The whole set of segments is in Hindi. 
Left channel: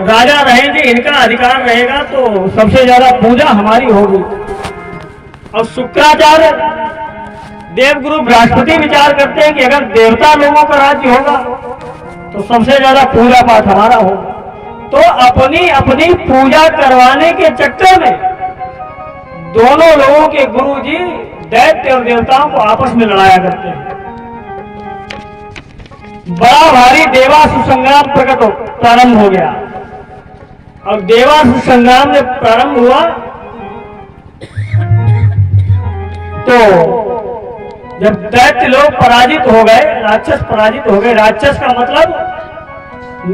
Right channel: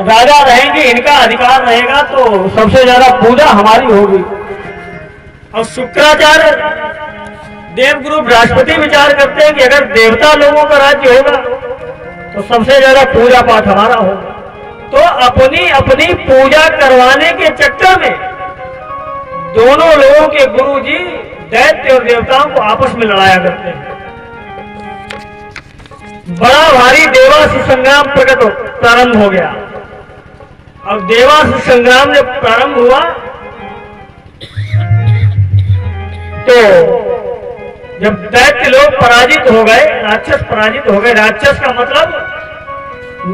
राजा रहेंगे, इनका अधिकार रहेगा तो सबसे ज्यादा पूजा हमारी होगी। और शुक्राचार्य देवगुरु बृहस्पति विचार करते हैं कि अगर देवता लोगों का राज्य होगा तो सबसे ज्यादा पूजा पाठ हमारा होगा। तो अपनी अपनी पूजा करवाने के चक्कर में दोनों लोगों के गुरु जी दैत्य और देवताओं को आपस में लड़ाया करते हैं। बड़ा भारी देवासुर संग्राम प्रारंभ हो गया। और देवासुर संग्राम जब प्रारंभ हुआ तो जब दैत्य लोग पराजित हो गए, राक्षस पराजित हो गए। राक्षस का मतलब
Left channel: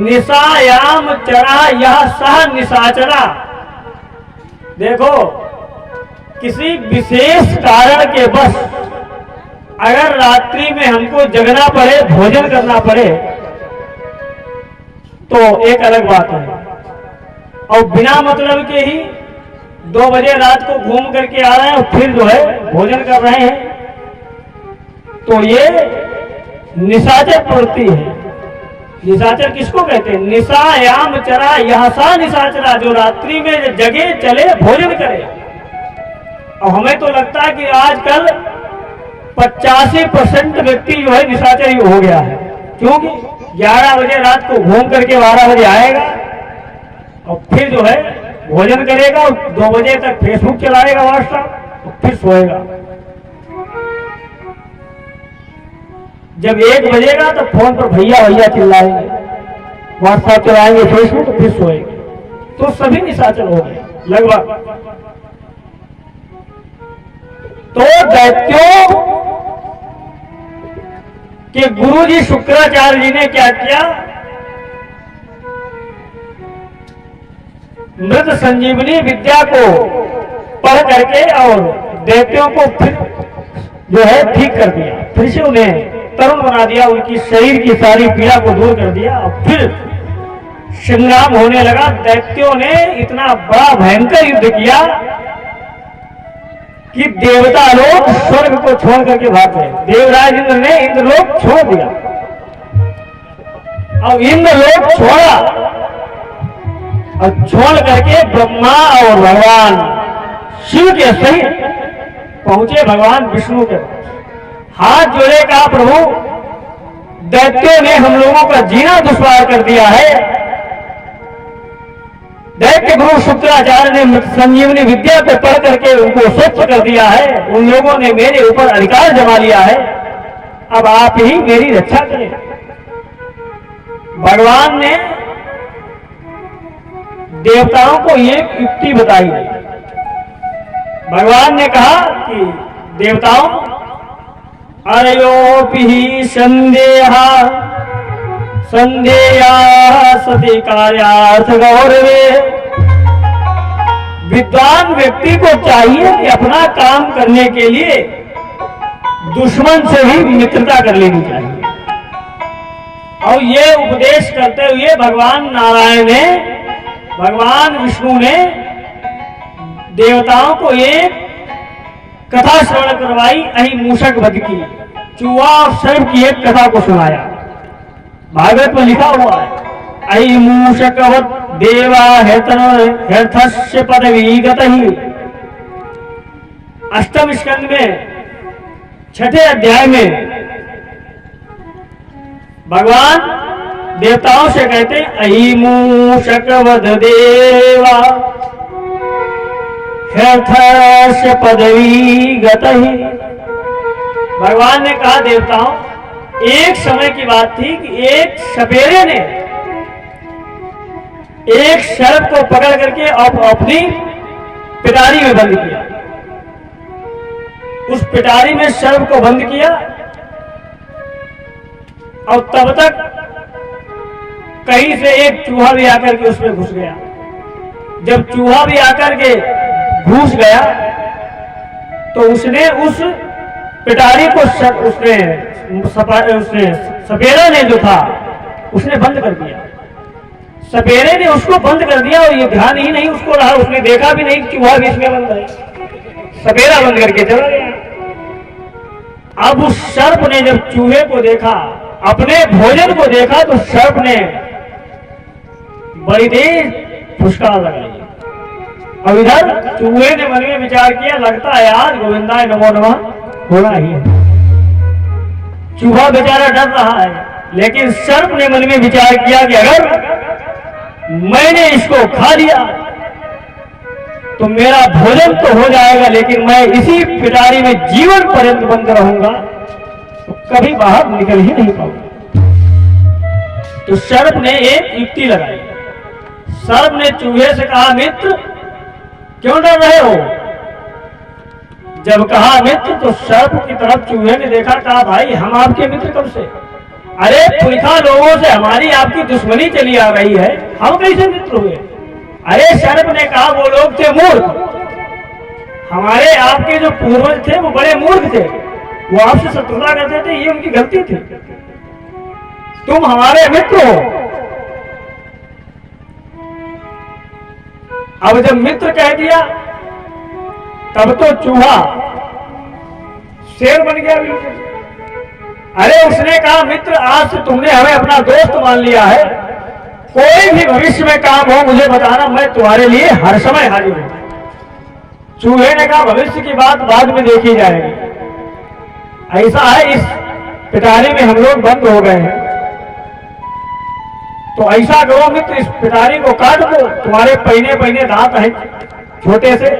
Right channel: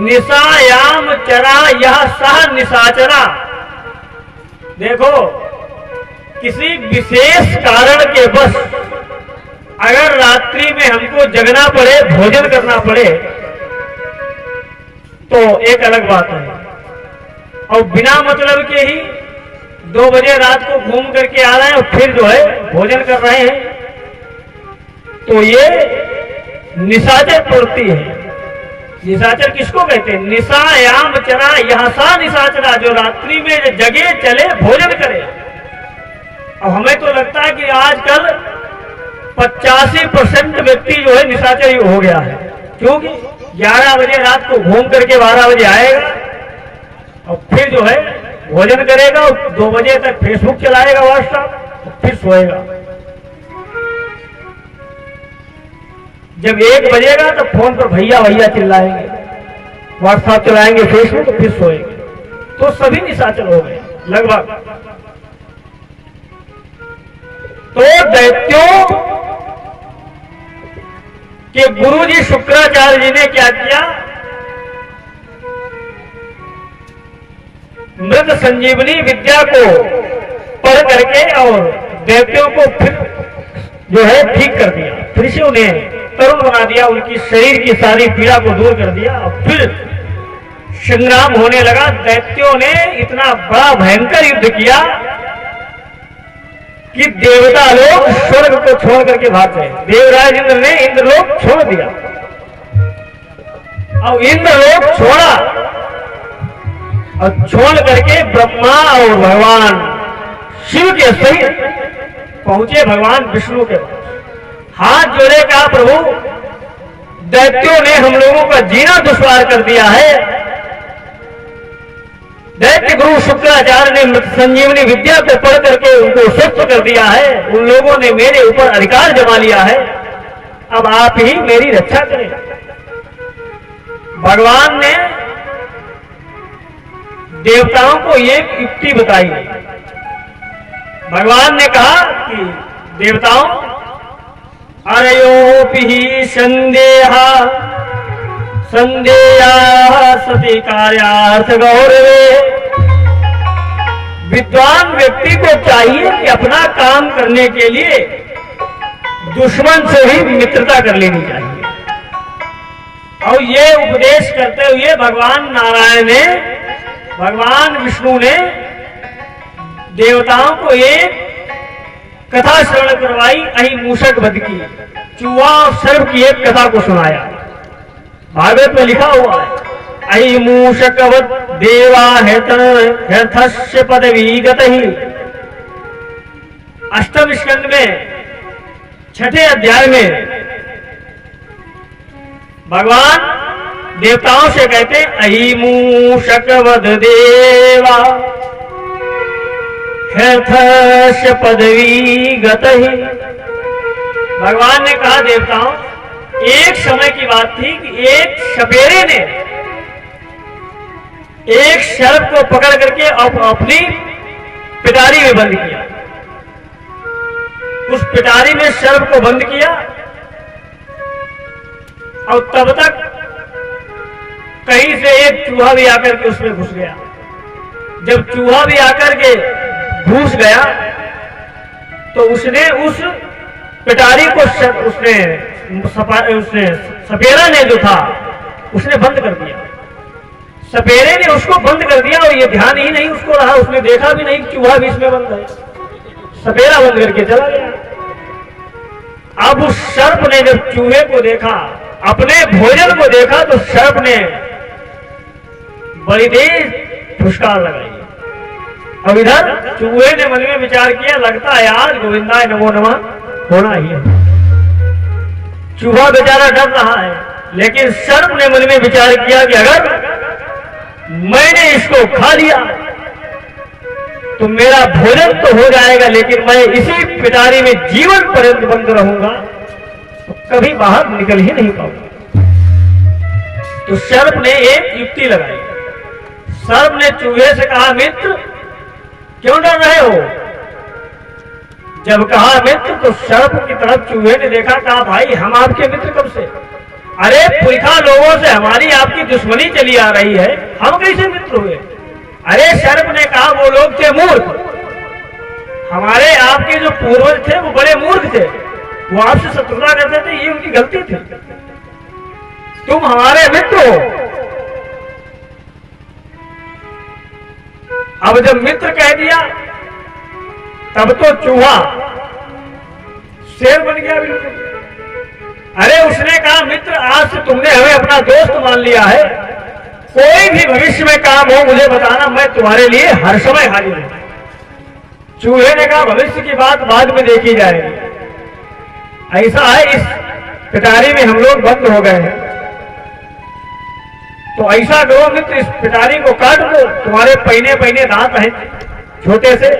निशायाम चरा यह सह निशाचरा। देखो, किसी विशेष कारण के बस अगर रात्रि में हमको जगना पड़े, भोजन करना पड़े तो एक अलग बात है। और बिना मतलब के ही 2 बजे रात को घूम करके आ रहे हैं और फिर जो है भोजन कर रहे हैं, तो ये निशाचर प्रवृत्ति है। निशाचर किसको कहते हैं? निशायाम चरा यह सा निशाचरा, जो रात्रि में जगे चले भोजन करे। और हमें तो लगता है कि आजकल 85% व्यक्ति जो है निशाचर हो गया है। क्योंकि 11 बजे रात को घूम करके 12 बजे आएगा और फिर जो है भोजन करेगा और 2 बजे तक फेसबुक चलाएगा, व्हाट्सएप, और फिर सोएगा। जब 1 बजेगा तो फोन पर भैया भैया चिल्लाएंगे, व्हाट्सएप चलाएंगे, फेसबुक, तो फिर सोएंगे। तो सभी निशाचर हो गए लगभग। तो दैत्यों के गुरु जी शुक्राचार्य जी ने क्या किया? मृत संजीवनी विद्या को पढ़ करके और दैत्यों को फिर जो है ठीक कर दिया। फिर से उन्हें तरुण बना दिया, उनकी शरीर की सारी पीड़ा को दूर कर दिया। और फिर संग्राम होने लगा। दैत्यों ने इतना बड़ा भयंकर युद्ध किया कि देवता लोग स्वर्ग को छोड़ करके भाग गए। देवराज इंद्र ने इंद्रलोक छोड़ दिया। अब इंद्रलोक छोड़ा और छोड़ करके ब्रह्मा और भगवान शिव के सहित पहुंचे भगवान विष्णु के पास। हाथ जोड़े, कहा प्रभु दैत्यों ने हम लोगों का जीना दुश्वार कर दिया है। दैत्य गुरु शुक्राचार्य ने मृत संजीवनी विद्या को पढ़ करके उनको स्वच्छ कर दिया है। उन लोगों ने मेरे ऊपर अधिकार जमा लिया है। अब आप ही मेरी रक्षा करें। भगवान ने देवताओं को एक युक्ति बताई। भगवान ने कहा कि देवताओं, अरयोपि संदेहा संदेया सती कार्यार्थ गौरवे। विद्वान व्यक्ति को चाहिए कि अपना काम करने के लिए दुश्मन से भी मित्रता कर लेनी चाहिए। और ये उपदेश करते हुए भगवान नारायण ने, भगवान विष्णु ने देवताओं को एक कथा श्रवण करवाई। अहि मूषक वध की, चूहा और सर्प की एक कथा को सुनाया। भागवत में लिखा हुआ है, अहि मूषक वध देवा हेर्थस्य पदवी गतहि। 8वें स्कंद में 6ठे अध्याय में भगवान देवताओं से कहते, अहि मूषक वध देवा हेर्थस्य पदवी गतहि। भगवान ने कहा देवताओं, एक समय की बात थी कि एक सपेरे ने एक सर्प को पकड़ करके अपनी पिटारी में बंद किया। उस पिटारी में सर्प को बंद किया और तब तक कहीं से एक चूहा भी आकर के उसमें घुस गया। जब चूहा भी आकर के घुस गया तो उसने उस पिटारी को उसने सपेरा ने जो था उसने बंद कर दिया। सपेरे ने उसको बंद कर दिया और ये ध्यान ही नहीं उसको रहा, उसने देखा भी नहीं चूहा भी इसमें बंद है, सपेरा बंद करके चला गया। अब उस सर्प ने जब चूहे को देखा, अपने भोजन को देखा, तो सर्प ने बड़ी तेज फुसकार लगाई। अब इधर चूहे ने मन में विचार किया, लगता है यार गोविंदाय नमो नमः होना ही है। चूहा बेचारा डर रहा है, लेकिन सर्प ने मन में विचार किया कि अगर मैंने इसको खा लिया तो मेरा भोजन तो हो जाएगा, लेकिन मैं इसी पिटारी में जीवन पर्यंत बंद रहूंगा तो कभी बाहर निकल ही नहीं पाऊंगा। तो सर्प ने एक युक्ति लगाई। सर्प ने चूहे से कहा, मित्र क्यों डर रहे हो? जब कहा मित्र तो सर्प की तरफ चूहे ने देखा, कहा भाई हम आपके मित्र कब से? अरे पुरखा लोगों से हमारी आपकी दुश्मनी चली आ रही है, हम कैसे मित्र हुए? अरे सर्प ने कहा, वो लोग थे मूर्ख, हमारे आपके जो पूर्वज थे वो बड़े मूर्ख थे, वो आपसे शत्रुता करते थे, ये उनकी गलती थी, तुम हमारे मित्र हो। अब जब मित्र कह दिया तब तो चूहा शेर बन गया बिल्कुल। अरे उसने कहा, मित्र आज से तुमने हमें अपना दोस्त मान लिया है, कोई भी भविष्य में काम हो मुझे बताना, मैं तुम्हारे लिए हर समय हाजिर हूं। चूहे ने कहा, भविष्य की बात बाद में देखी जाएगी, ऐसा है इस पिटारी में हम लोग बंद हो गए हैं, तो ऐसा करो मित्र इस पिटारी को काट दो, तुम्हारे पहने पहने दांत हैं छोटे से,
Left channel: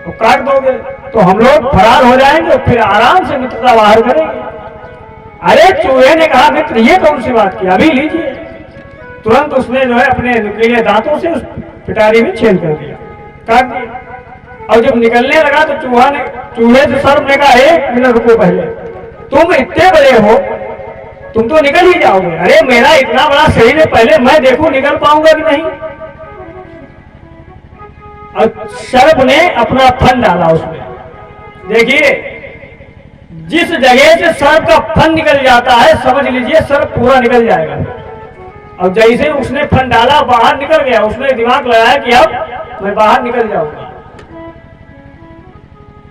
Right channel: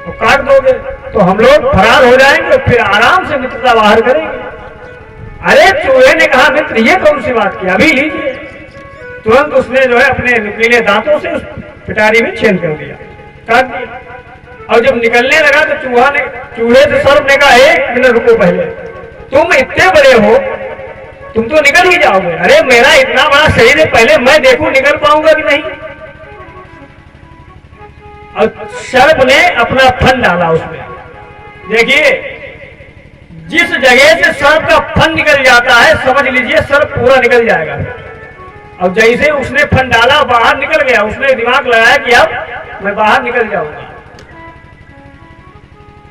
तो काट दोगे तो हम लोग फरार हो जाएंगे, फिर आराम से मित्रता बाहर करेंगे। अरे चूहे ने कहा, मित्र ये कौन सी बात की, अभी लीजिए। तुरंत उसने जो है अपने नुकीले दांतों से उस पिटारी में छेद कर दिया, काट दिया। और जब निकलने लगा तो चूहे से सर्प ने कहा, 1 मिनट रुको, पहले तुम इतने बड़े हो, तुम तो निकल ही जाओगे। अरे मेरा इतना बड़ा शरीर है, पहले मैं देखूं निकल पाऊंगा कि नहीं। और सर्प ने अपना फन डाला उसमें। देखिए जिस जगह से सर्प का फन निकल जाता है, समझ लीजिए सर्प पूरा निकल जाएगा। और जैसे उसने फन डाला बाहर निकल गया, उसने दिमाग लगाया कि अब मैं बाहर निकल जाऊंगा।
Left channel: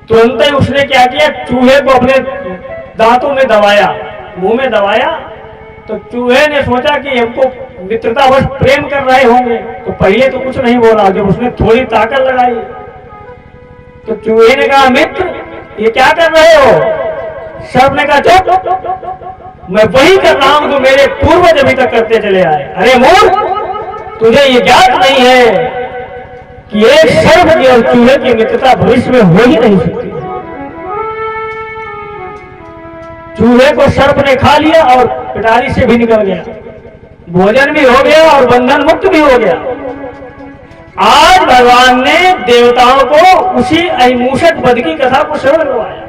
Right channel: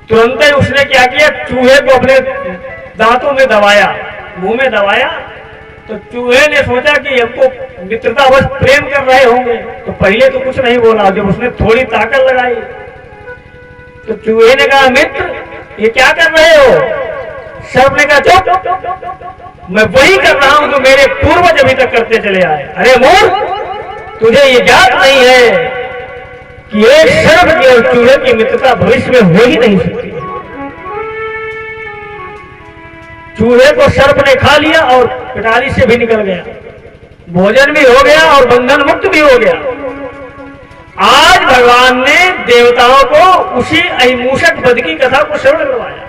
तुरंत ही उसने क्या किया, चूहे को अपने दांतों में दबाया, मुंह में दबाया। तो चूहे ने सोचा कि हमको मित्रतावश प्रेम कर रहे होंगे, तो पहले तो कुछ नहीं बोला। जब उसने थोड़ी ताकत लगाई तो चूहे ने कहा, मित्र ये क्या कर रहे हो? सर्प ने कहा, चुप, मैं वही कर रहा हूं जो मेरे पूर्वज अभी तक करते चले आए। अरे मूर्ख, तुझे ये ज्ञात नहीं है कि एक सर्प की और चूहे की मित्रता भविष्य में हो ही नहीं सकती। चूहे को सर्प ने खा लिया और पिटारी से भी निकल गया, भोजन भी हो गया और बंधन मुक्त भी हो गया। आज भगवान ने देवताओं को उसी अहिमूषक वध की कथा को श्रवण करवाया।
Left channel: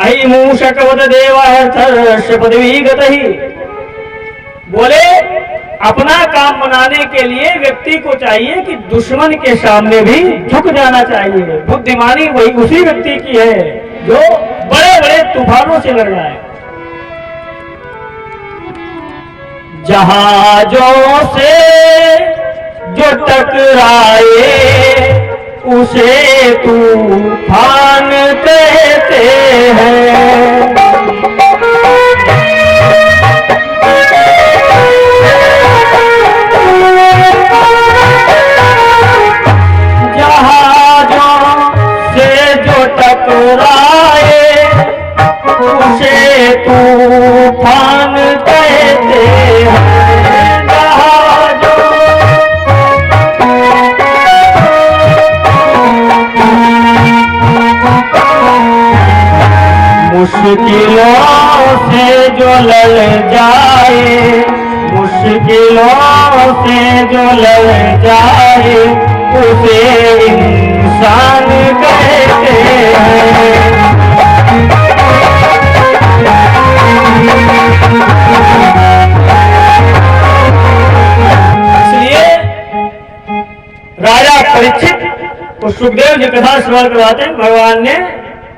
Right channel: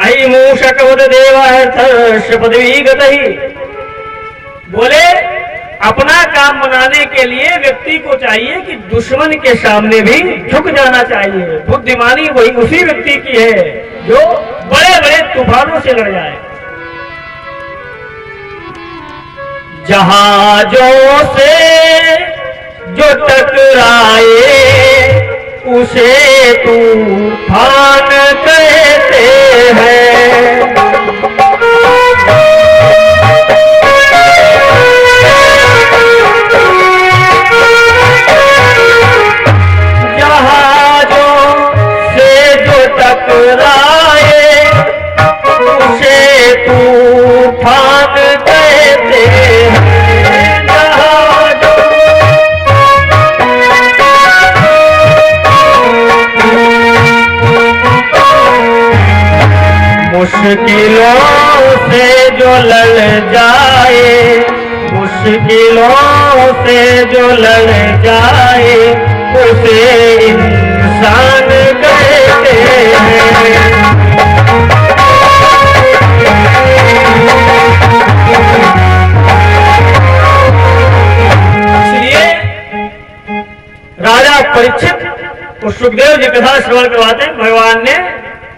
अहिमूषक वध देवार्थ पदवी गतहि, बोले अपना काम बनाने के लिए व्यक्ति को चाहिए कि दुश्मन के सामने भी झुक जाना चाहिए। बुद्धिमानी वही उसी व्यक्ति की है जो बड़े बड़े तूफानों से लड़ जाए। जहाजों से जो टकराए उसे तूफान कहते हैं। जहाजों से जो टकराए उसे तूफान कहते हैं। मुश्किलों से जो लड़ जाए, मुश्किलों से जो लड़ जाए उसे इंसान कहते हैं। इसलिए राजा परीक्षित तो सुखदेव जी कथा श्रवण करवाते हैं। भगवान ने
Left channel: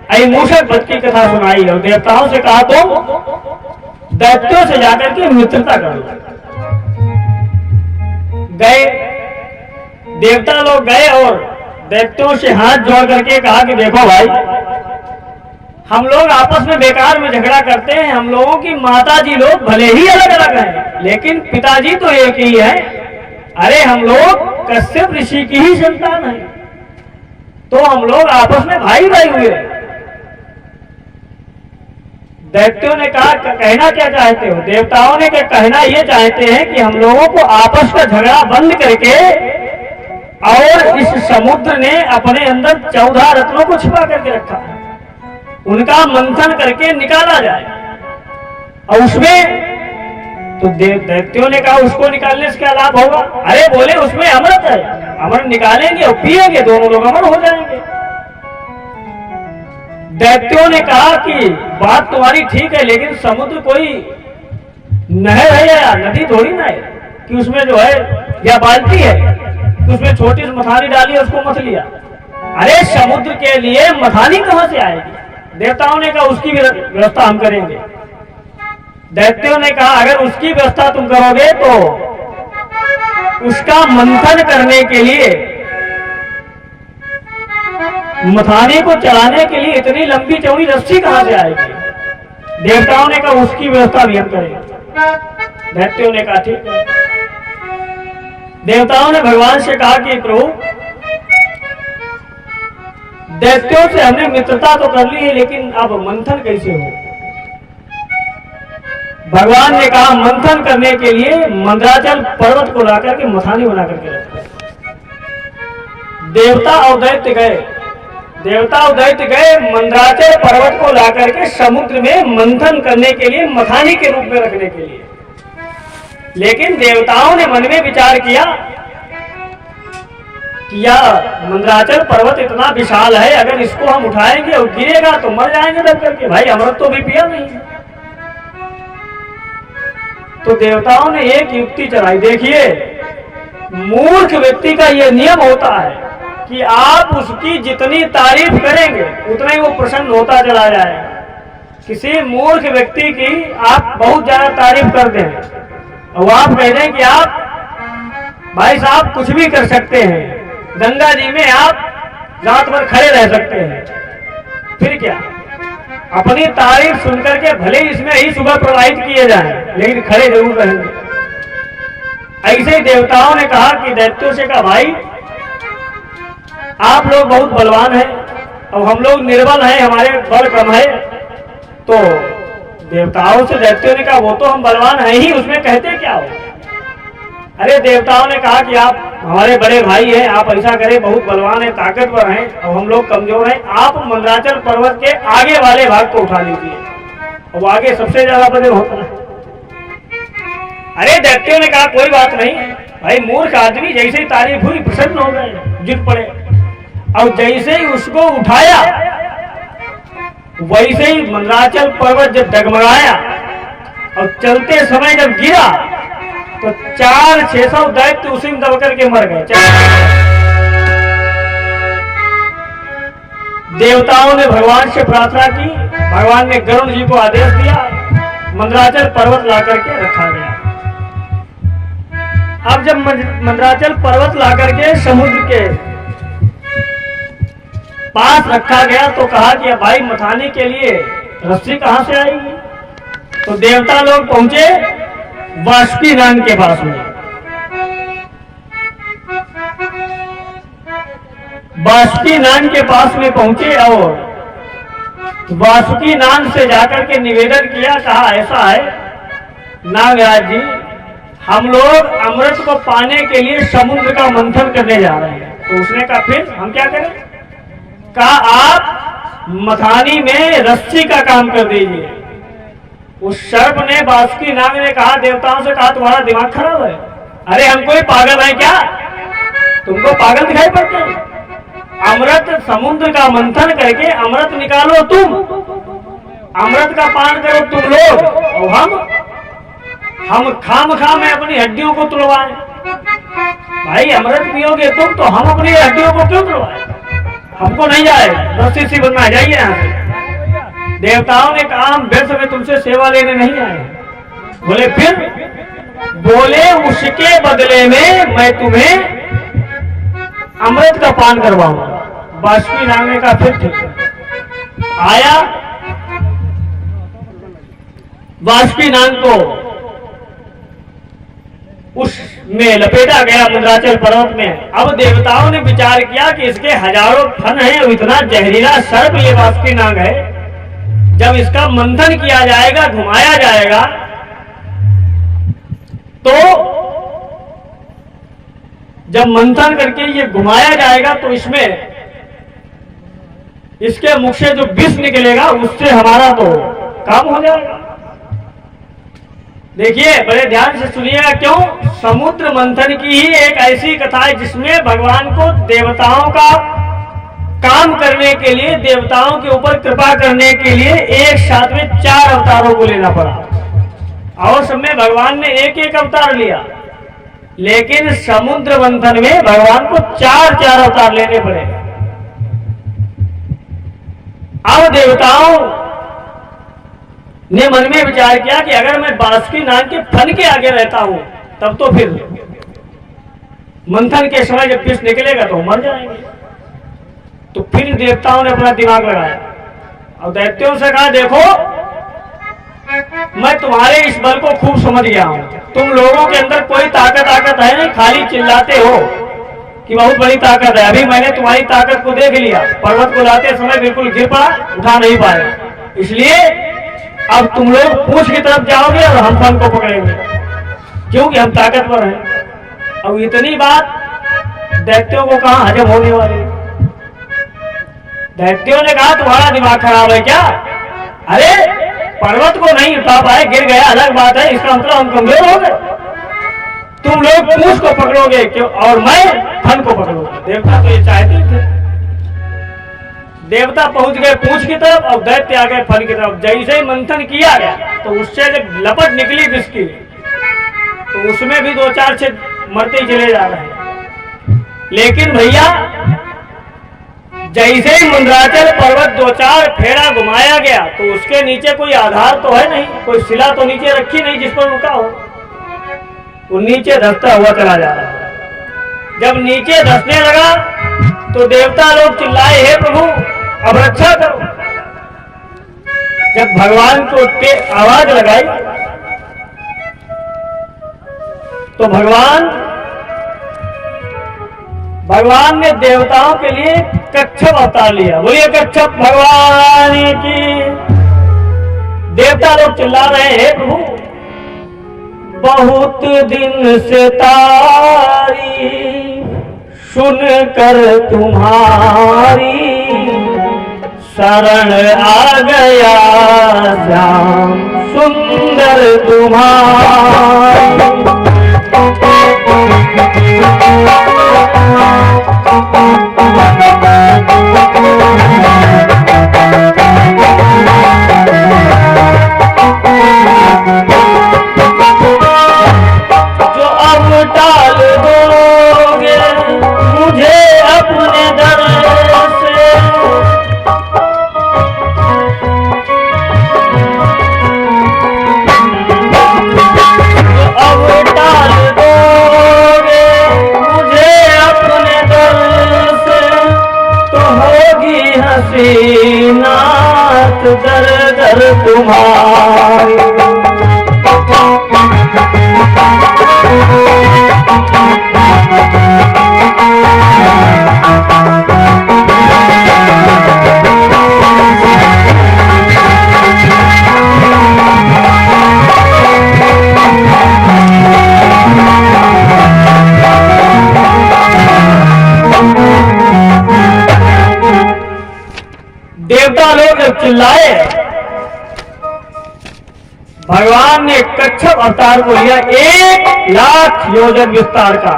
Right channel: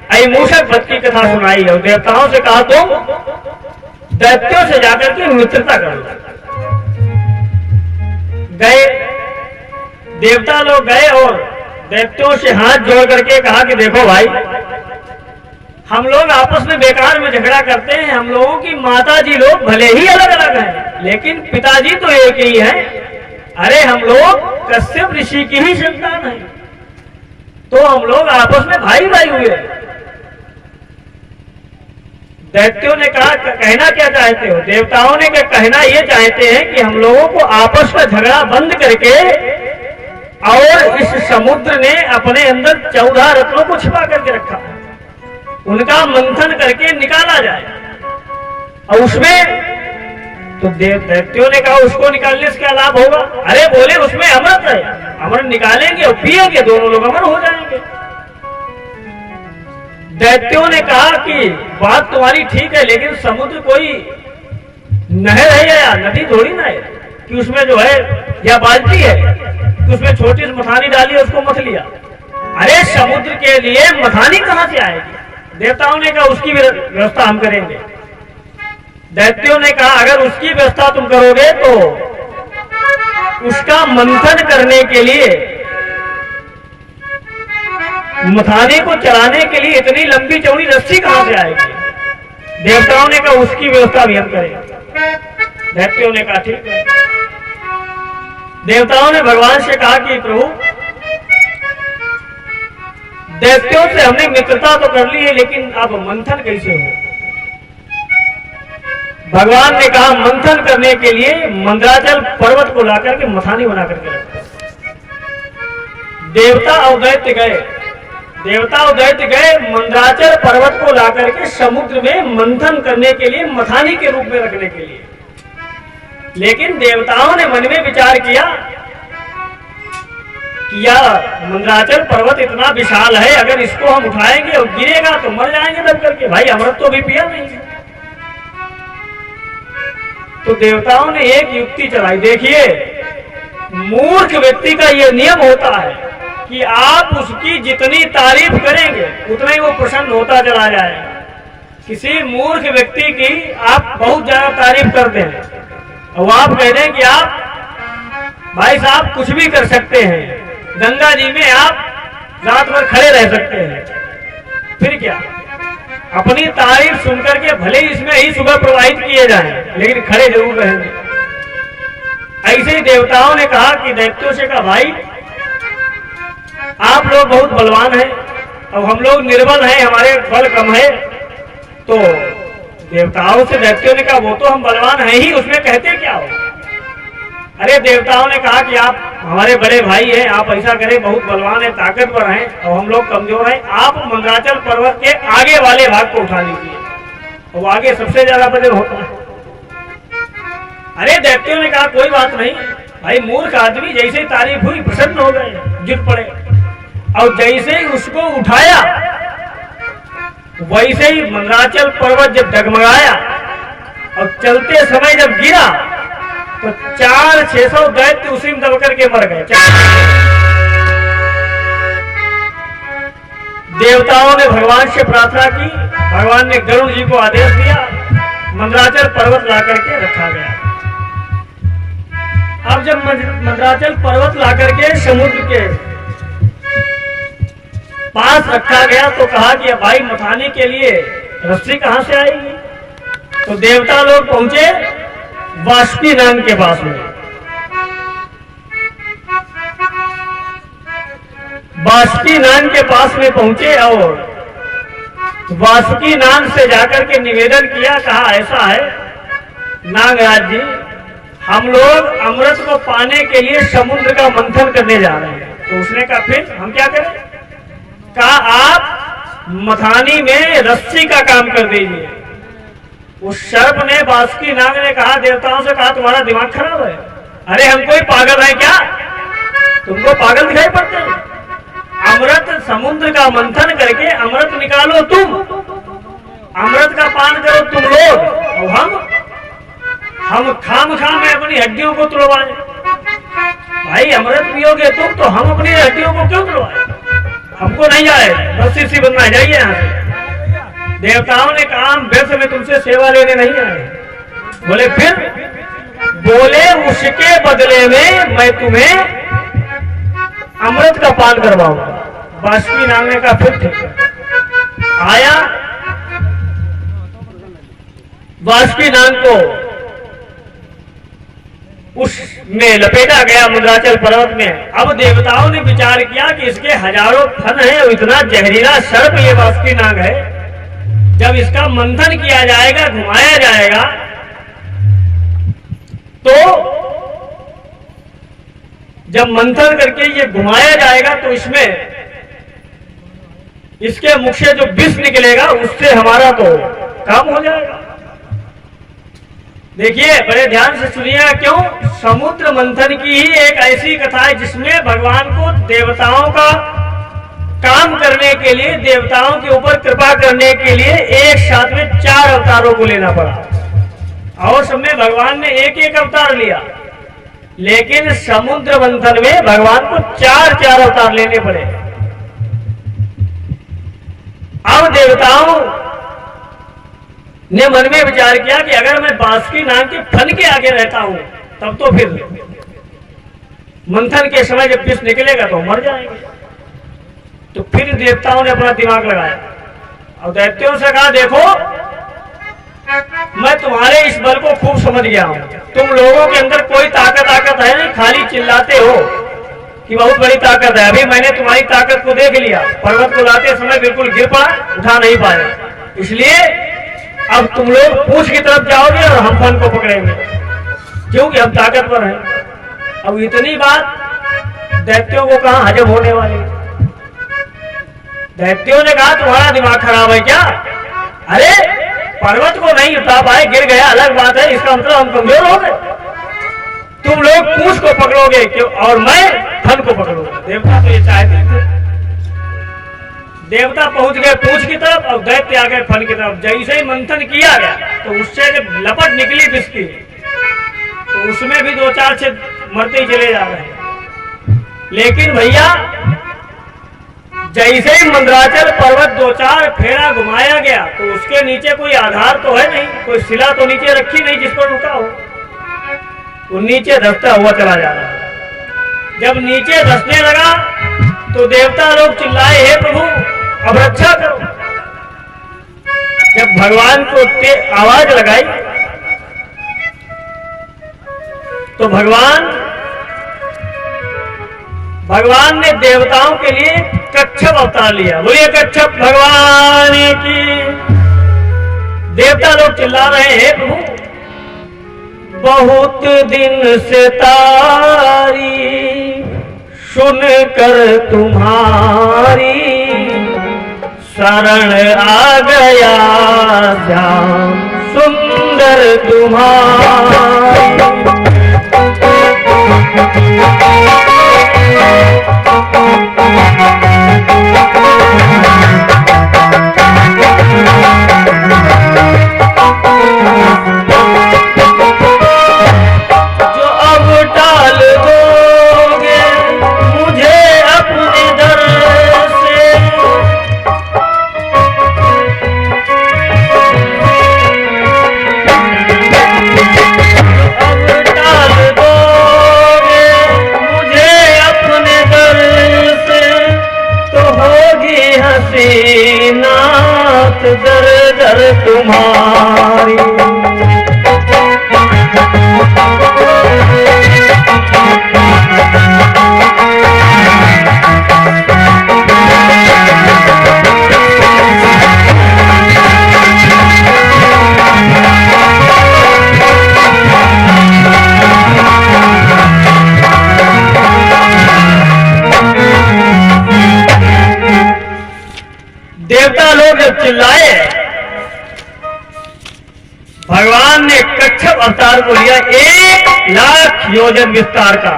अहिमूषक वध की कथा सुनाई और देवताओं से कहा, तुम दैत्यों से जाकर के मित्रता कर लो। गए देवता लोग गए और दैत्यों से हाथ जोड़ करके कहा कि देखो भाई, हम लोग आपस में बेकार में झगड़ा करते हैं, हम लोगों की माता जी लोग भले ही अलग अलग हैं लेकिन पिताजी तो एक ही है। अरे हम लोग कश्यप ऋषि की ही संतान है, तो हम लोग आपस में भाई भाई हुए। दैत्यों ने कहा कहना क्या चाहते हो? देवताओं ने कहना ये चाहते हैं कि हम लोगों को आपस का झगड़ा बंद करके और इस समुद्र ने अपने अंदर 14 रत्नों को छिपा करके रखा है, उनका मंथन करके निकाला जाए। और उसमें तो दैत्यों ने कहा उसको निकालने से क्या लाभ होगा? अरे बोले उसमें अमृत है, अमृत निकालेंगे और पिएंगे, दोनों लोग अमर हो जाएंगे। दैत्यों ने कहा कि बात तुम्हारी ठीक है, लेकिन समुद्र कोई नहर है या नदी थोड़ी ना है कि उसमें जो है या बाल्टी है कि उसमें छोटी सी मथानी डाली उसको मथ लिया। अरे समुद्र के लिए मथानी कहां से आएगी? देवताओं ने कहा उसकी व्यवस्था हम करेंगे। दैत्यों ने कहा अगर उसकी व्यवस्था तुम करोगे तो उसका मंथन करने के लिए, मथाने को चलाने के लिए इतनी लंबी चौड़ी रस्सी कहां से आएगी? देवताओं ने कहा उसकी व्यवस्था भी हम करेंगे। दैत्यों ने कहा ठीक है। देवताओं ने भगवान से कहा कि प्रभु, दैत्यों से हमने मित्रता तो कर ली है, लेकिन अब मंथन कैसे हो? भगवान ने कहा मंथन करने के लिए मंदराचल पर्वत को लाकर के मथानी बना करके रखो। देवता और दैत्य गए, देवता और दैत्य गए मंदराचल पर्वत को लाकर के समुद्र में मंथन करने के लिए, मथानी के रूप में रखने के लिए। लेकिन देवताओं ने मन में विचार किया कि यह मंदराचल पर्वत इतना विशाल है, अगर इसको हम उठाएंगे और गिरेगा तो मर जाएंगे दब करके। भाई अमृत तो भी पिया नहीं। तो देवताओं ने एक युक्ति चलाई। देखिए, मूर्ख व्यक्ति का यह नियम होता है कि आप उसकी जितनी तारीफ करेंगे उतना ही वो प्रसन्न होता चला जाएगा। किसी मूर्ख व्यक्ति की आप बहुत ज्यादा तारीफ कर दें और आप कह दें कि आप भाई साहब कुछ भी कर सकते हैं, गंगा जी में आप रात भर खड़े रह सकते हैं, फिर क्या? अपनी तारीफ सुनकर के भले ही इसमें ही सुबह प्रवाहित किए जाएं, लेकिन खड़े जरूर रहेंगे। ऐसे देवताओं ने कहा कि दैत्यों से कहा भाई आप लोग बहुत बलवान हैं और हम लोग निर्बल हैं, हमारे बल कम है। तो देवताओं से दैत्यों ने कहा वो तो हम बलवान हैं ही, उसमें कहते क्या हो? अरे देवताओं ने कहा कि आप हमारे बड़े भाई हैं, आप ऐसा करें, बहुत बलवान हैं, ताकतवर हैं और हम लोग कमजोर हैं, आप मंदराचल पर्वत के आगे वाले भाग को उठा लीजिए, और वो आगे सबसे ज्यादा बड़े होता है। अरे दैत्यों ने कहा कोई बात नहीं भाई, मूर्ख आदमी, जैसे ही तारीफ हुई प्रसन्न हो गए, जुट पड़े। और जैसे ही उसको उठाया वैसे ही मंदराचल पर्वत जब डगमगाया और चलते समय जब गिरा तो 400-600 दैत्य उसी में दब करके मर गए। देवताओं ने भगवान से प्रार्थना की, भगवान ने गरुड़ जी को आदेश दिया, मंदराचल पर्वत ला करके रखा गया। अब जब मंदराचल पर्वत ला करके समुद्र के पास रखा गया तो कहा कि भाई मथाने के लिए रस्सी कहां से आएगी? तो देवता लोग पहुंचे वासुकीनाग के पास में। वासुकीनाग के पास में पहुंचे और वासुकीनाग से जाकर के निवेदन किया, कहा ऐसा है नागराज जी, हम लोग अमृत को पाने के लिए समुद्र का मंथन करने जा रहे हैं। तो उसने कहा फिर हम क्या करें? कहा आप मथानी में रस्सी का काम कर दीजिए। उस सर्प ने, वासुकीनाग ने कहा, देवताओं से कहा तुम्हारा दिमाग खराब है? अरे हम कोई पागल है क्या? तुमको पागल दिखाई पड़ते हैं? अमृत समुद्र का मंथन करके अमृत निकालो तुम, अमृत का पान करो तुम लोग, और हम खाम में अपनी हड्डियों को तुड़वाएं। भाई अमृत पियोगे तुम तो हम अपनी हड्डियों को क्यों तुड़वाएं? हमको नहीं जाए, रस्सी सी बनना, जाइए यहाँ से। देवताओं ने कहा हम व्यर्थ में तुमसे सेवा लेने नहीं आए। बोले फिर? बोले उसके बदले में मैं तुम्हें अमृत का पान करवाऊंगा। वासुकीनाग ने कहा फिर ठीक है। आया वासुकीनाग को उसमें लपेटा गया मंदराचल पर्वत में। अब देवताओं ने विचार किया कि इसके हजारों फन हैं और इतना जहरीला सर्प ये बासुकी नाग है, जब इसका मंथन किया जाएगा, घुमाया जाएगा, तो जब मंथन करके ये घुमाया जाएगा तो इसमें इसके मुख से जो विष निकलेगा उससे हमारा तो काम हो जाएगा। देखिए, बड़े ध्यान से सुनिएगा, क्यों? समुद्र मंथन की ही एक ऐसी कथा है जिसमें भगवान को देवताओं का काम करने के लिए, देवताओं के ऊपर कृपा करने के लिए एक साथ में 4 अवतारों को लेना पड़ा। और सब में भगवान ने एक एक अवतार लिया, लेकिन समुद्र मंथन में भगवान को 4 अवतार लेने पड़े। अब देवताओं ने मन में विचार किया कि अगर मैं बासुकी नाग के फन के आगे रहता हूं तब तो फिर मंथन के समय जब विष निकलेगा तो मर जाएंगे। तो फिर देवताओं ने अपना दिमाग लगाया और दैत्यों से कहा, देखो मैं तुम्हारे इस बल को खूब समझ गया हूं, तुम लोगों के अंदर कोई ताकत है नहीं, खाली चिल्लाते हो कि बहुत बड़ी ताकत है। अभी मैंने तुम्हारी ताकत को देख लिया, पर्वत को लाते समय बिल्कुल गिर पड़ा, उठा नहीं पाया, इसलिए अब तुम लोग पूंछ की तरफ जाओगे और हम फन को पकड़ेंगे, क्योंकि हम ताकतवर हैं। अब इतनी बात दैत्यों को कहां हजम होने वाली। दैत्यों ने कहा, तुम्हारा दिमाग खराब है क्या? अरे पर्वत को नहीं उठा पाए, गिर गया अलग बात है, इसका मतलब हम कमजोर हो गए। तुम लोग पूंछ को पकड़ोगे क्यों और मैं फन को पकड़ूंगा। देवता तो ये चाहते थे। देवता पहुंच गए पूंछ की तरफ और दैत्य आ गए फन की तरफ। जैसे ही मंथन किया गया तो उससे जब लपट निकली विष की, तो उसमें भी 2-4 से मरते ही चले जा रहे हैं। लेकिन भैया, जैसे ही मंदराचल पर्वत 2-4 फेरा घुमाया गया तो उसके नीचे कोई आधार तो है नहीं, कोई शिला तो नीचे रखी नहीं जिस पर रुका हो। वो नीचे धंसता हुआ चला जा रहा है। जब नीचे धंसने लगा तो देवता लोग चिल्लाए, हे प्रभु अब रक्षा करो। जब भगवान को आवाज लगाई तो भगवान ने देवताओं के लिए कच्छप अवतार लिया। बोलिए कच्छप भगवान की। देवता लोग चिल्ला रहे हैं, प्रभु बहुत दिन से तारी सुनकर तुम्हारी शरण आ गया, श्याम सुंदर तुम्हारा। जो अब टाल दोगे मुझे अपने दर से, जो अब टाल दोगे मुझे अपने दर से, तो होगी हंसी नात दर दर तुम्हारी। देवता लोग चिल्लाए, भगवान ने कच्छप अवतार को लिया 1,00,000 योजन विस्तार का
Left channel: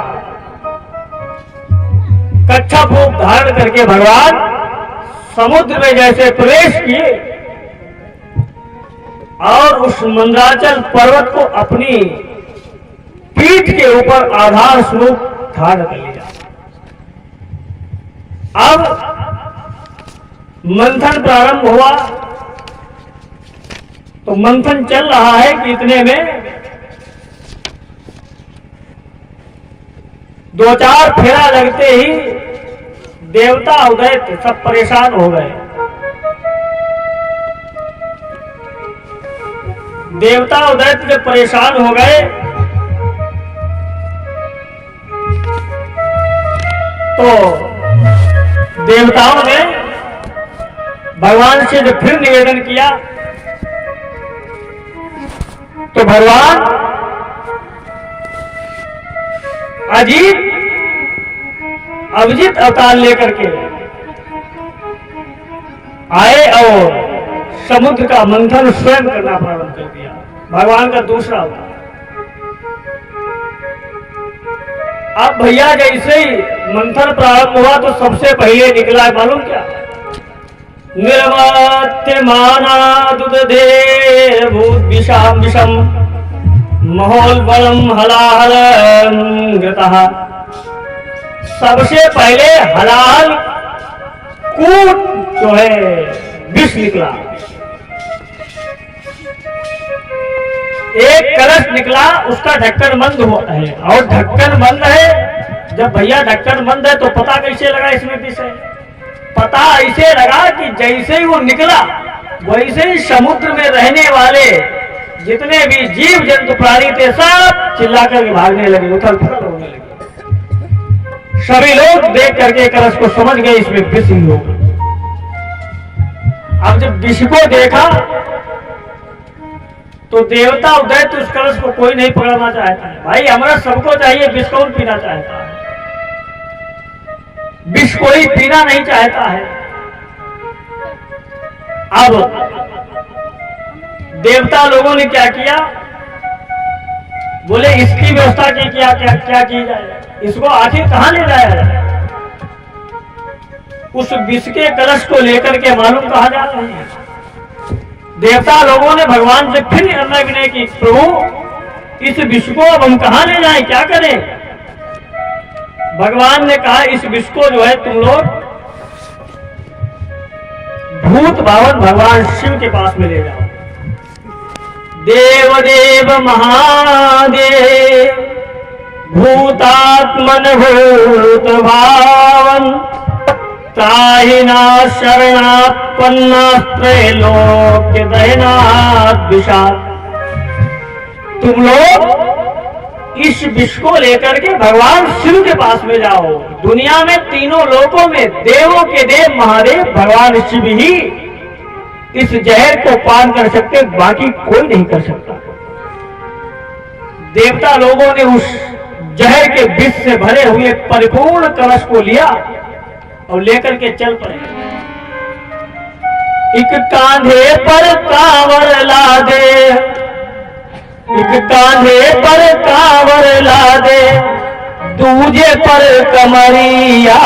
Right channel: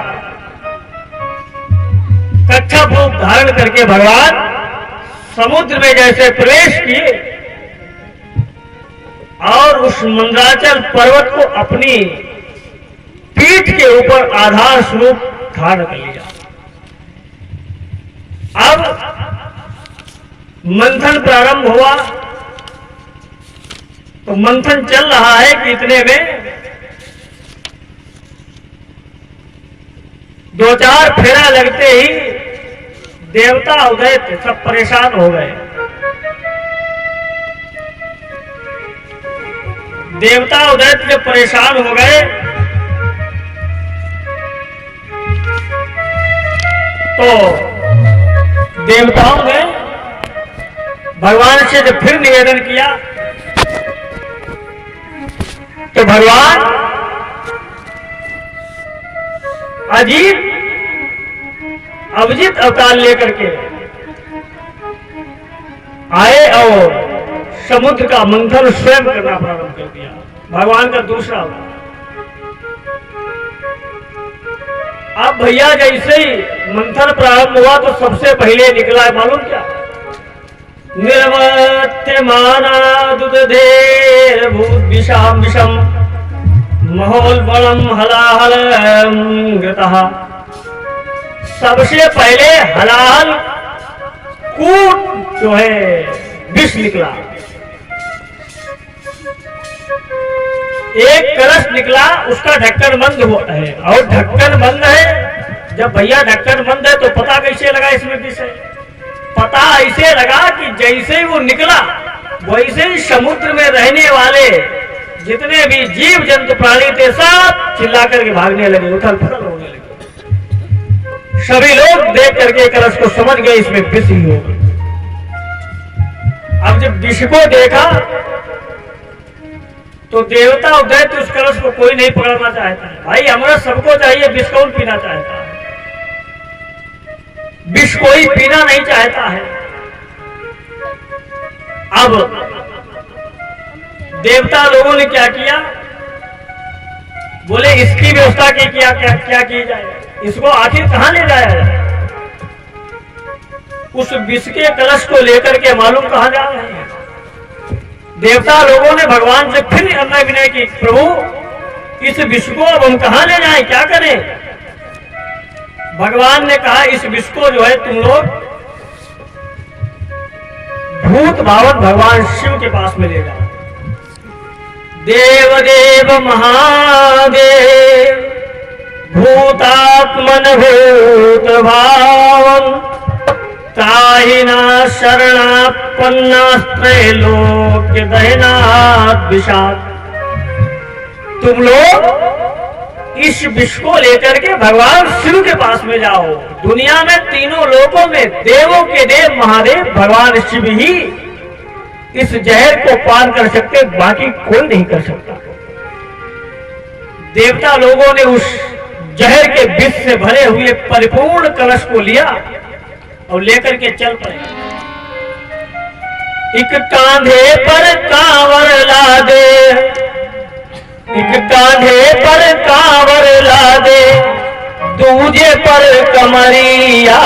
कच्छप रूप धारण करके भगवान समुद्र में जैसे प्रवेश किए और उस मंदराचल पर्वत को अपनी पीठ के ऊपर आधार स्वरूप धारण कर लिया। अब मंथन प्रारंभ हुआ तो मंथन चल रहा है कि इतने में 2-4 फेरा लगते ही देवता उदय सब परेशान हो गए। देवता उदय जब परेशान हो गए तो देवताओं ने भगवान से जब फिर निवेदन किया तो भगवान अजीत अभिजीत अवतार लेकर के आए और समुद्र का मंथन स्वयं करना प्रारंभ कर दिया। भगवान का दूसरा अवतार। अब भैया जैसे ही मंथन प्रारंभ हुआ तो सबसे पहले निकला मालूम क्या? निर्वर्त्यमानादुदधे भूत विषाम विषम महोल्बलम हलाहल गतः। सबसे पहले हलाल कूट जो है विष निकला। एक कलश निकला, उसका ढक्कन बंद हुआ है और ढक्कन बंद है। जब भैया ढक्कन बंद है तो पता कैसे लगा इसमें विष है? पता ऐसे लगा कि जैसे ही वो निकला वैसे ही समुद्र में रहने वाले जितने भी जीव जंतु प्राणी थे सब चिल्ला करके भागने लगे, उथल पुथल होने लगे। सभी लोग देख करके कलश को समझ गए इसमें विष ही होगा। अब जब विष को देखा तो देवता उदय तो उस कलश को कोई नहीं पकड़ना चाहता है। भाई अमृत सबको चाहिए, विष कौन पीना चाहता है? विष कोई पीना नहीं चाहता है। अब देवता लोगों ने क्या किया? बोले इसकी व्यवस्था की क्या की जाए, इसको आखिर कहां ले जाया जाए? उस विष के कलश को लेकर के मालूम कहां जा रहे हैं? देवता लोगों ने भगवान से फिर निर्णय विनय की, प्रभु इस विष को अब हम कहां ले जाएं, क्या करें? भगवान ने कहा इस विष को जो है तुम लोग भूत भावन भगवान शिव के पास में ले जाओ। देव देव महादेव भूतात्मन भूत भावम त्राहिना शरणापन्नास्त्रय लोक दहनात् विषात्। तुम लोग इस विष को लेकर के भगवान शिव के पास में जाओ। दुनिया में तीनों लोकों में देवों के देव महादेव भगवान शिव ही इस जहर को पान कर सकते, बाकी कोई नहीं कर सकता। देवता लोगों ने उस जहर के विष से भरे हुए परिपूर्ण कलश को लिया और लेकर के चल पड़े। एक कांधे पर कांवर ला दे, एक कांधे पर कांवर ला दे, दूजे पर कमरिया,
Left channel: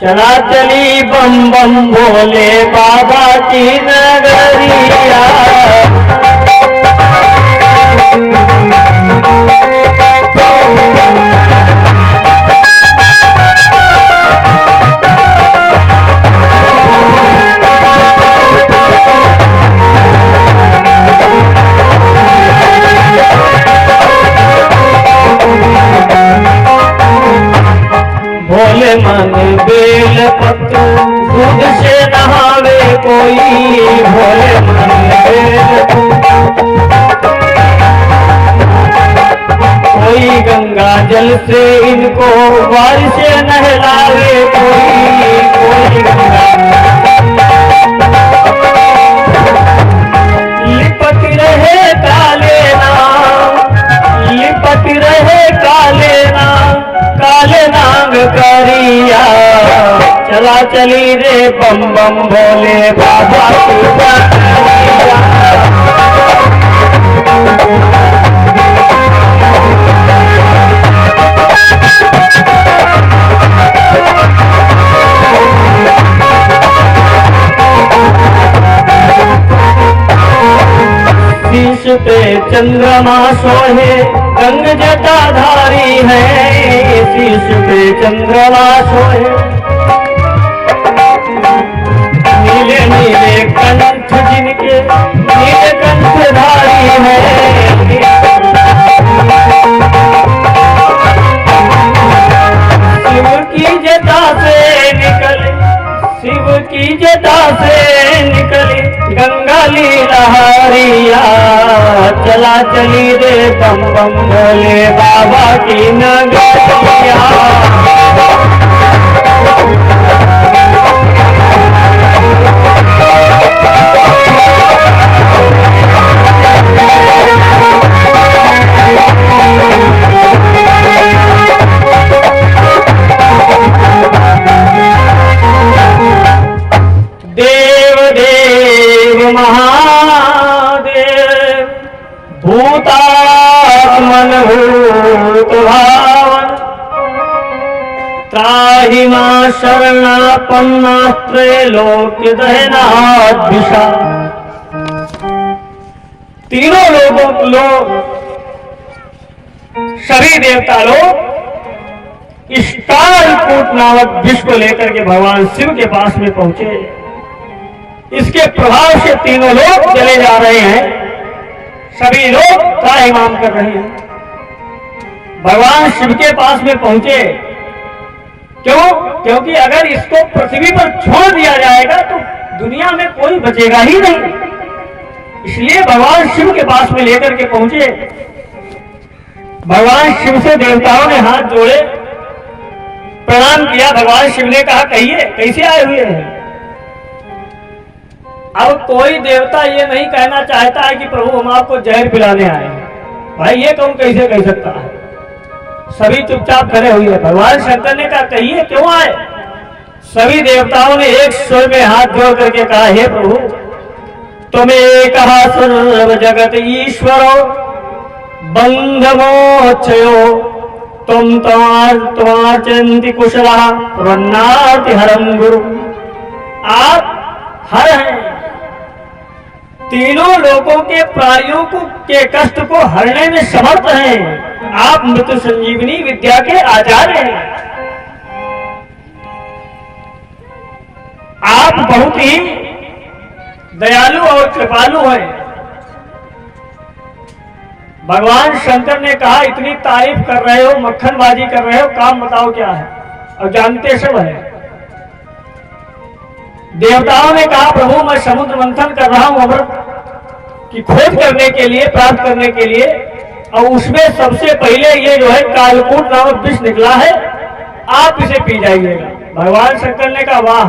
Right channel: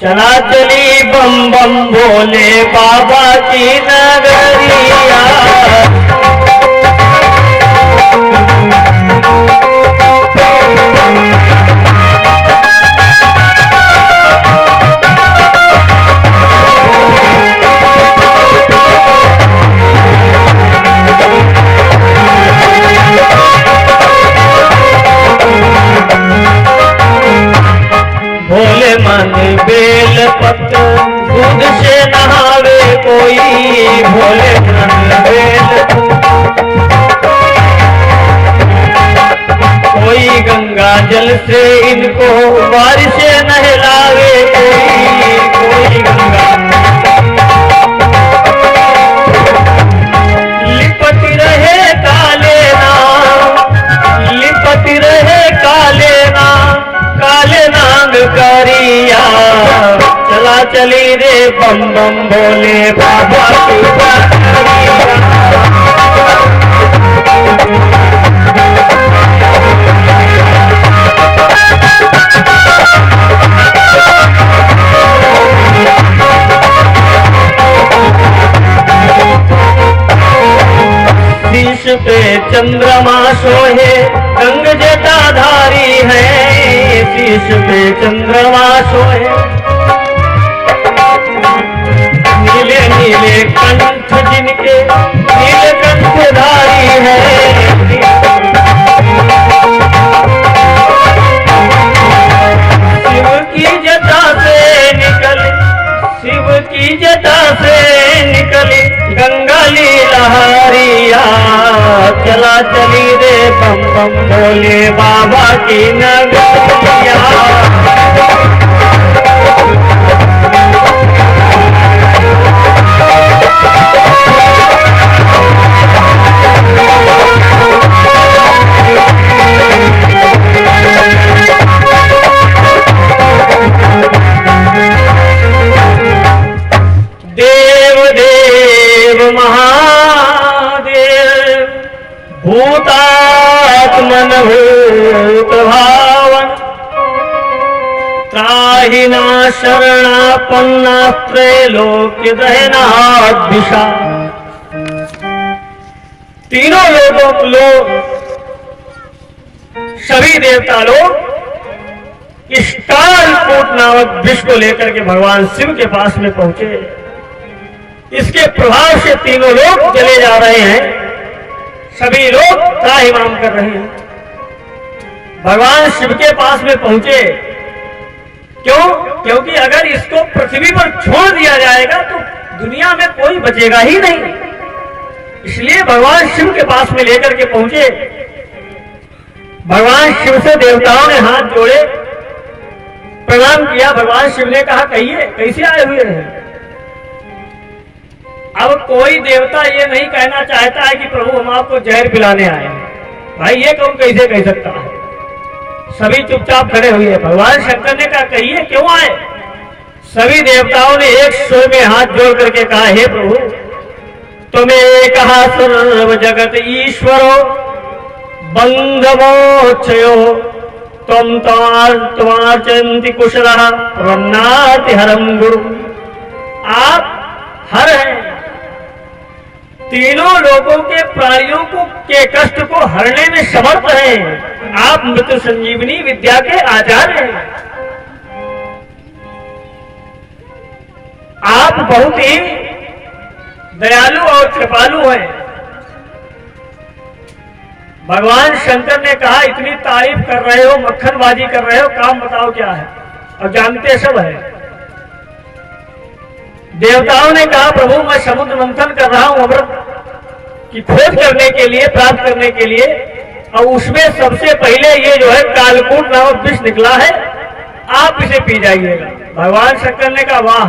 चला चली बम बम भोले बाबा की नगरिया। भोले मन बेल पत्र दूध से नहावे कोई, भोले मन बेल कोई गंगा जल से इनको बारिश से नहलावे कोई गंगा लिपटी रहे काले नाम, लिपटी रहे काले नाम, काले नाम करिया, चला चली रे बम बम भोले बाबा की नगरिया। शीश पे चंद्रमा सोहे रंग जटाधारी है, शीश पे चंद्रमा सोहे नीले नीले कंठ जिनके नीले कंठधारी है। शिव की जटा से निकले, शिव की जटा से निकले गंगा लीलहारिया, चला चली रे बम बम भोले बाबा की नगरिया। पाहि मां शरणापन्ना त्रैलोक्य दहनाद्विषा। तीनों लोग सभी देवता लोग इस कालकूट नामक विष को लेकर के भगवान शिव के पास में पहुंचे। इसके प्रभाव से तीनों लोग चले जा रहे हैं, सभी लोग त्राहिमाम कर रहे हैं। भगवान शिव के पास में पहुंचे, क्यों? क्योंकि अगर इसको पृथ्वी पर छोड़ दिया जाएगा तो दुनिया में कोई बचेगा ही नहीं, इसलिए भगवान शिव के पास में लेकर के पहुंचे। भगवान शिव से देवताओं ने हाथ जोड़े, प्रणाम किया। भगवान शिव ने कहा, कहिए कैसे आए हुए हैं? अब कोई देवता ये नहीं कहना चाहता है कि प्रभु हम आपको जहर पिलाने आए हैं। भाई ये कौन कैसे कह सकता है? सभी चुपचाप खड़े हुए। भगवान शंकर ने कहा, कहिए क्यों आए? सभी देवताओं ने एक स्वर में हाथ जोड़ करके कहा, हे प्रभु तुम्हें कहा सर्व जगत ईश्वरो बंधमोक्षयो तुम तुम्हार चंति कुशला प्रन्नाति हरम गुरु। आप हर हैं, तीनों लोगों के प्राणियों को के कष्ट को हरने में समर्थ हैं। आप मृत्यु संजीवनी विद्या के आचार्य हैं। आप बहुत ही दयालु और कृपालु हैं। भगवान शंकर ने कहा, इतनी तारीफ कर रहे हो, मक्खनबाजी कर रहे हो, काम बताओ क्या है? और जानते सब है। देवताओं ने कहा, प्रभु मैं समुद्र मंथन कर रहा हूं अमृत की खोज करने के लिए, प्राप्त करने के लिए, और उसमें सबसे पहले ये जो है कालकूट नामक विष निकला है, आप इसे पी जाइएगा। भगवान शंकर ने कहा, वाह,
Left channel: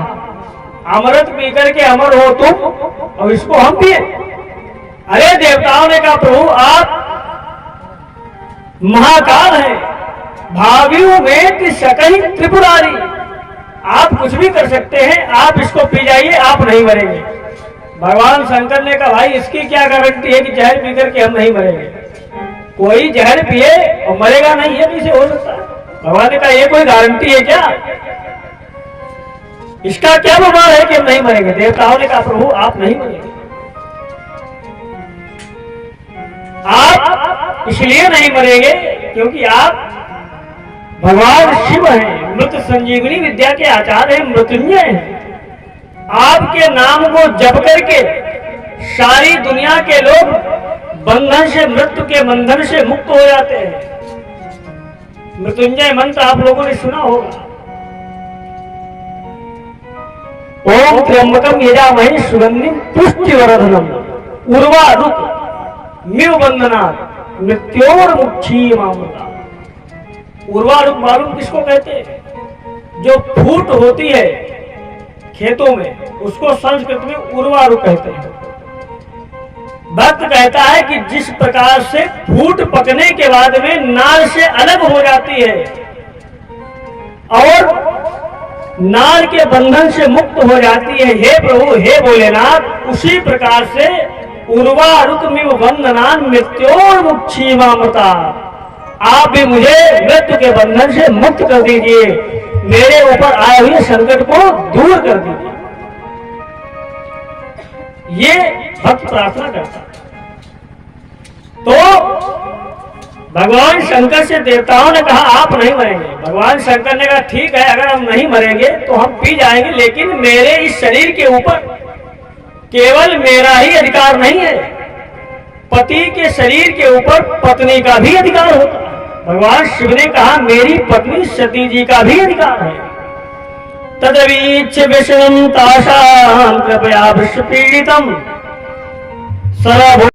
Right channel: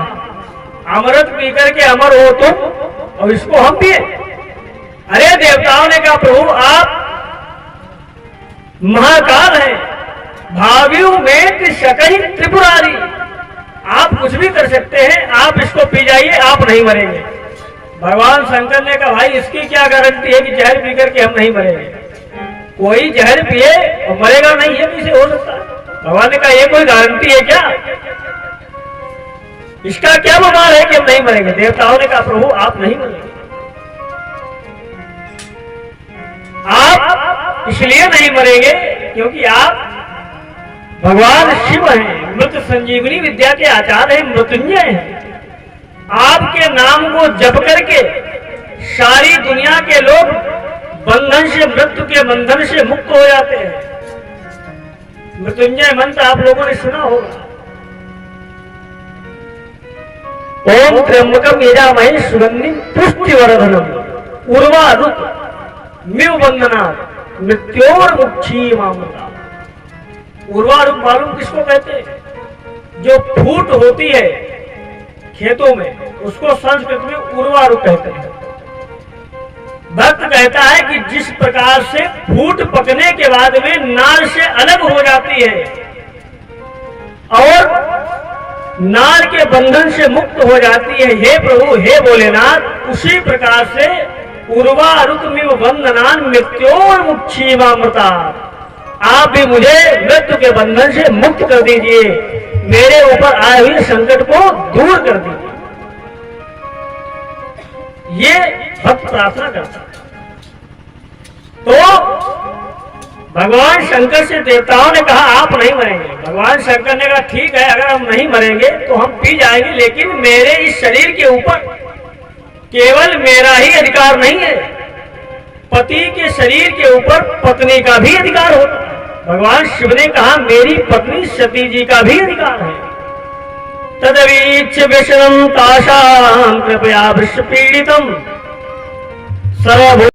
अमृत पी करके अमर हो तुम और इसको हम पिए? अरे देवताओं ने कहा, प्रभु आप महाकाल है, भावियों में शकही त्रिपुरारी, आप कुछ भी कर सकते हैं, आप इसको पी जाइए, आप नहीं मरेंगे। भगवान शंकर ने कहा, भाई इसकी क्या गारंटी है कि जहर पी करके हम नहीं मरेंगे? कोई जहर पिए और मरेगा नहीं, ये कैसे हो सकता है? भगवान ने कहा, ये कोई गारंटी है क्या? इसका क्या प्रमाण है कि हम नहीं मरेंगे? देवताओं ने कहा, प्रभु आप नहीं मरेंगे। आप इसलिए नहीं मरेंगे क्योंकि आप भगवान शिव हैं, मृत्यु संजीवनी विद्या के आचार्य हैं, मृत्युंजय हैं। आपके नाम को जप करके सारी दुनिया के लोग बंधन से, मृत्यु के बंधन से मुक्त हो जाते हैं। मृत्युंजय मंत्र आप लोगों ने सुना होगा। ओम त्र्यंबकम यजामहे सुगंधिम पुष्टिवर्धनम उर्वारुक मिव बंधनात् मृत्योर्मुक्षीमामृता। उर्वारुक मालूम किसको कहते हैं? जो फूट होती है खेतों में, उसको संस्कृत में उर्वारुक कहते हैं। भक्त कहता है कि जिस प्रकार से फूट पकने के बाद में नाल से अलग हो जाती है और नाल के बंधन से मुक्त हो जाती है, हे प्रभु हे भोलेनाथ, उसी प्रकार से उर्वारुकमिव बंधनान् मृत्योर्मुक्षीमामृता, आप भी मुझे मृत्यु के बंधन से मुक्त कर दीजिए, मेरे ऊपर आए हुए संकट को दूर कर दीजिए। ये भक्त प्रार्थना करता है। तो भगवान शंकर से देवताओं ने कहा, आप नहीं मरेंगे। भगवान शंकर ने कहा, ठीक है, अगर हम नहीं मरेंगे तो हम पी जाएंगे, लेकिन मेरे इस शरीर के ऊपर केवल मेरा ही अधिकार नहीं है, पति के शरीर के ऊपर पत्नी का भी अधिकार होता है। भगवान शिव ने कहा, मेरी पत्नी सती जी का भी अधिकार है। तदवीच्य विष्णुम तासां कृपया विश्व पीड़ितम सर्व